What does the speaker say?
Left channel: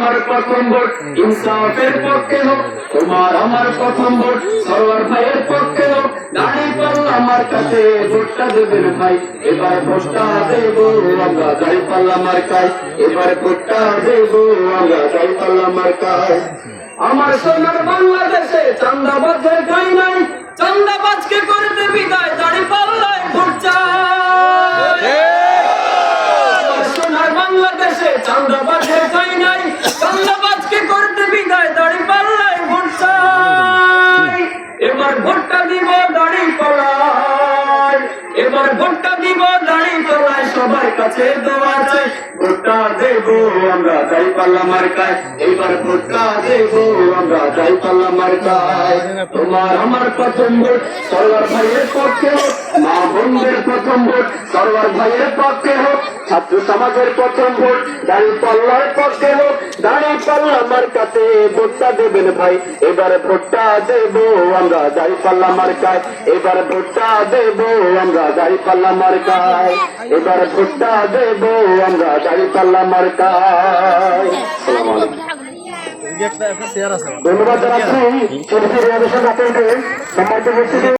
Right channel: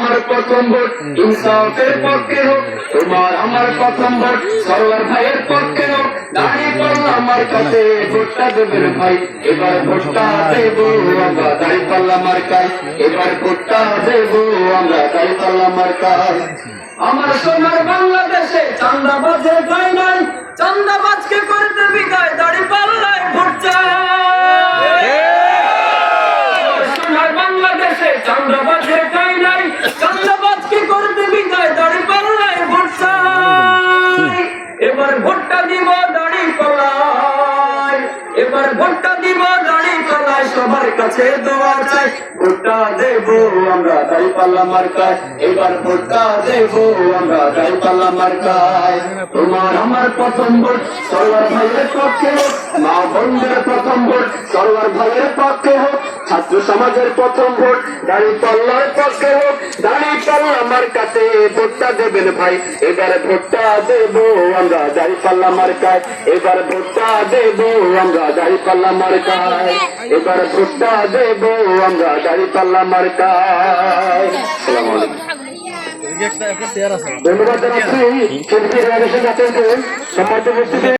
আমার প্রথম ভোট ইনসাফের পক্ষে হোক, তোমার আমার প্রথম ভোট সরওয়ার ভাইয়ের পক্ষে হোক। দাঁড়িপাল্লা আমার কাছে ভোটটা দেবেন ভাই, এবার ভোটটা দেব আমরা দাঁড়িপাল্লা মার্কায়, এবার ভোটটা দেব আমরা দাঁড়িপাল্লা মার্কায়। আমার সোনার বাংলাদেশে চাঁদাবাজের গায় নাই, চাঁদাবাজকে করতে বিদায় দাঁড়িপাল্লায় ভোট চাই। সোনার বাংলাদেশে চাঁদাবাজের গায় নাই, চাঁদাবাজকে করতে বিদায় দাঁড়িপাল্লায় ভোট চাই। এবার ভোটটা দিব দাঁড়িপাল্লায়, এবার ভোটটা দিব দাঁড়িপাল্লায়, সবার কাছে দোয়া চাই। ভোটটা দেব আমরা দাঁড়িপাল্লা মার্কায়, এবার ভোটটা দেব আমরা দাঁড়িপাল্লা মার্কায়। তোমার আমার প্রথম ভোট সরওয়ার ভাইয়ের পক্ষে হোক, মা বোনদের প্রথম ভোট সরওয়ার ভাইয়ের পক্ষে হোক, ছাত্র সমাজের প্রথম ভোট দাঁড়িপাল্লার পক্ষে হোক। দাঁড়িপাল্লা মার্কাতে ভোটটা দেবেন ভাই, এবার ভোটটা দেব আমরা দাঁড়িপাল্লা মার্কায়, এবার ভোটটা দেব আমরা দাঁড়িপাল্লা মার্কায়, এবার ভোটটা দেব আমরা দাঁড়িপাল্লা মার্কায়। ধন্যবাদ জানাচ্ছি সম্মানিত উপস্থিতি।